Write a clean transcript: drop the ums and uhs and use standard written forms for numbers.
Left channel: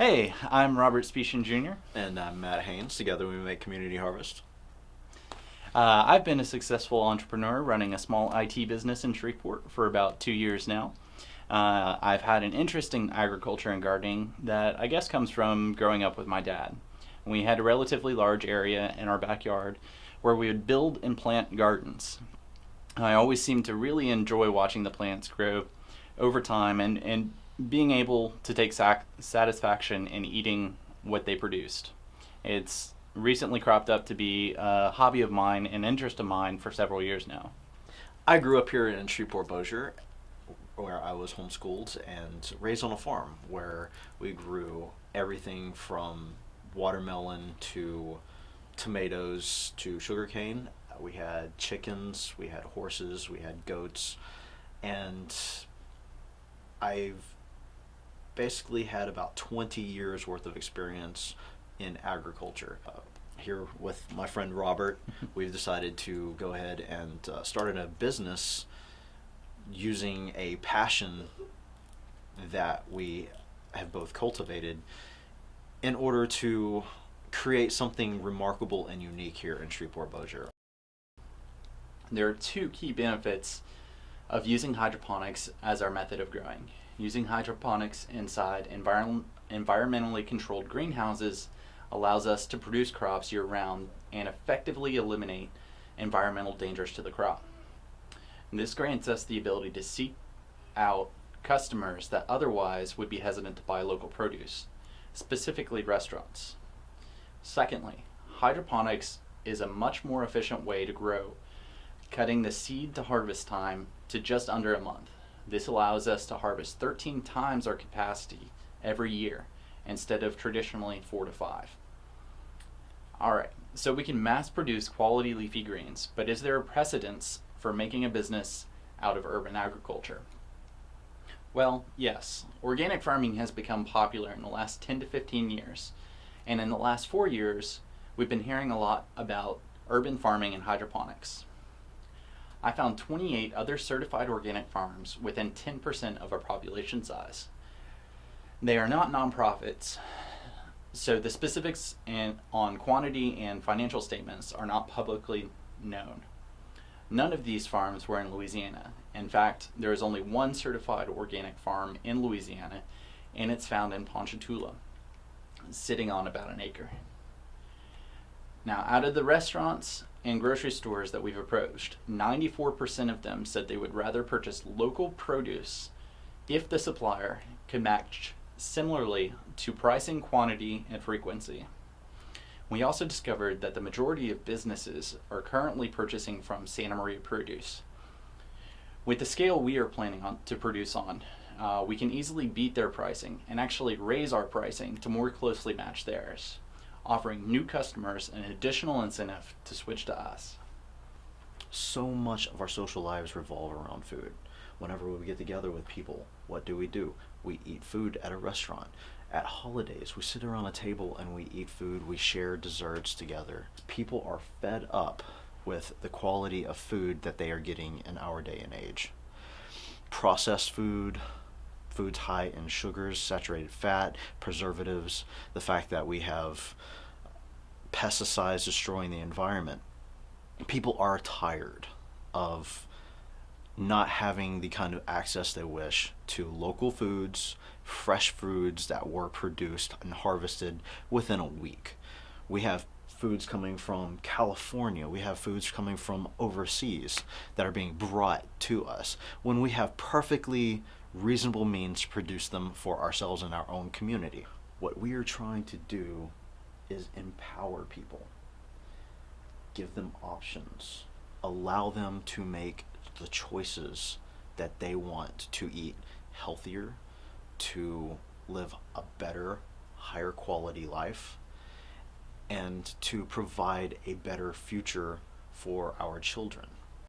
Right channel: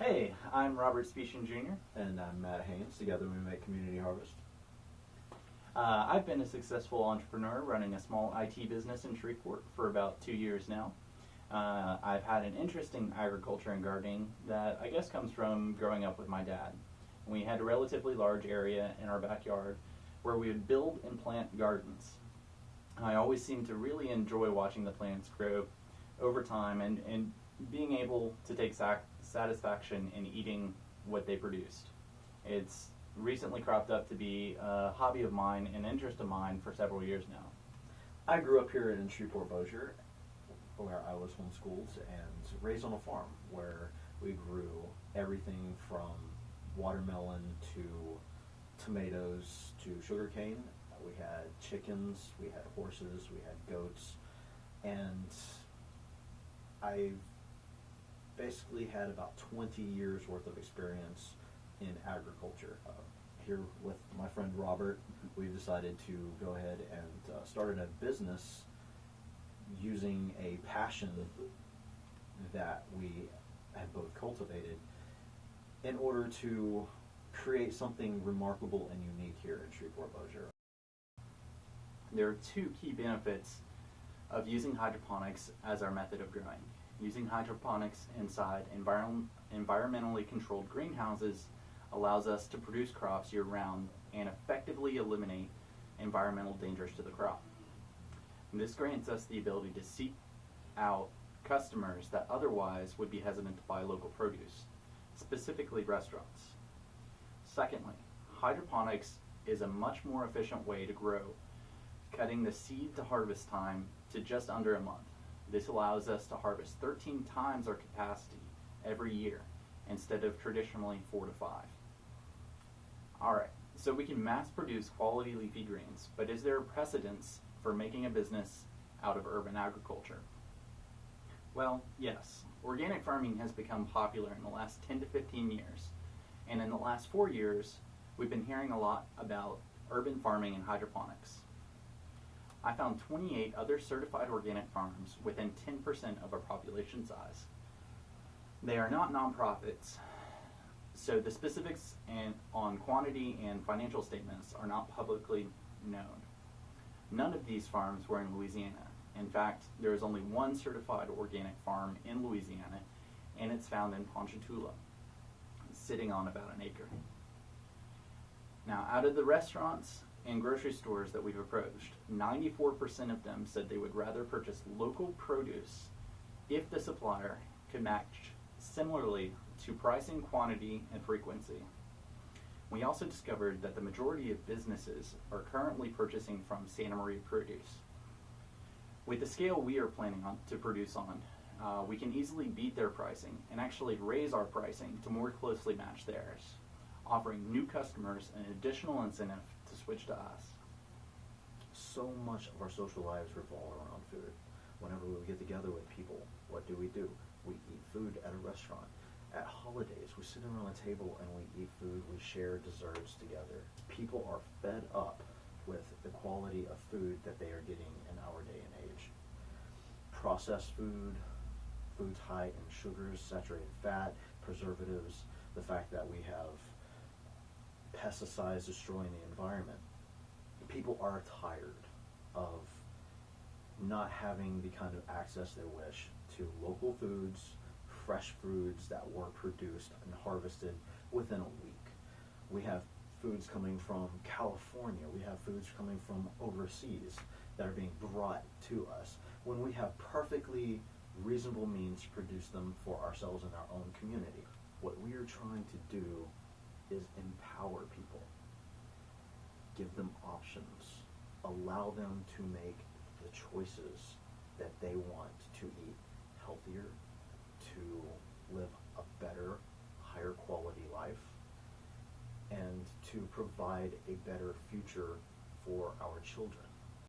Hey, I'm Robert Specian Jr. And I'm Matt Haynes. Together we make Community Harvest. I've been a successful entrepreneur running a small IT business in Shreveport for about 2 years now. I've had an interest in agriculture and gardening that I guess comes from growing up with my dad. We had a relatively large area in our backyard where we would build and plant gardens. I always seemed to really enjoy watching the plants grow over time and being able to take satisfaction in eating what they produced. It's recently cropped up to be a hobby of mine, an interest of mine for several years now. I grew up here in Shreveport Bossier, where I was homeschooled and raised on a farm where we grew everything from watermelon to tomatoes to sugarcane. We had chickens, we had horses, we had goats, and I've basically had about 20 years worth of experience in agriculture. Here with my friend Robert, we've decided to go ahead and started a business using a passion that we have both cultivated in order to create something remarkable and unique here in Shreveport Bossier. There are two key benefits of using hydroponics as our method of growing. Using hydroponics inside environmentally controlled greenhouses allows us to produce crops year-round and effectively eliminate environmental dangers to the crop. And this grants us the ability to seek out customers that otherwise would be hesitant to buy local produce, specifically restaurants. Secondly, hydroponics is a much more efficient way to grow, cutting the seed to harvest time to just under a month. This allows us to harvest 13 times our capacity every year instead of traditionally 4 to 5. Alright, so we can mass produce quality leafy greens, but is there a precedence for making a business out of urban agriculture? Well, yes. Organic farming has become popular in the last 10 to 15 years, and in the last 4 years, we've been hearing a lot about urban farming and hydroponics. I found 28 other certified organic farms within 10% of our population size. They are not nonprofits, so the specifics on quantity and financial statements are not publicly known. None of these farms were in Louisiana. In fact, there is only one certified organic farm in Louisiana, and it's found in Ponchatoula, sitting on about an acre. Now, out of the restaurants and grocery stores that we've approached, 94% of them said they would rather purchase local produce if the supplier could match similarly to pricing, quantity, and frequency. We also discovered that the majority of businesses are currently purchasing from Santa Maria Produce. With the scale we are planning to produce on, we can easily beat their pricing and actually raise our pricing to more closely match theirs, offering new customers an additional incentive to switch to us. So much of our social lives revolve around food. Whenever we get together with people, what do? We eat food at a restaurant. At holidays, we sit around a table and we eat food, we share desserts together. People are fed up with the quality of food that they are getting in our day and age. Processed food, foods high in sugars, saturated fat, preservatives, the fact that we have pesticides destroying the environment. People are tired of not having the kind of access they wish to local foods, fresh foods that were produced and harvested within a week. We have foods coming from California, we have foods coming from overseas that are being brought to us when we have perfectly reasonable means to produce them for ourselves and our own community. What we are trying to do is empower people, give them options, allow them to make the choices that they want to eat healthier, to live a better, higher quality life, and to provide a better future for our children.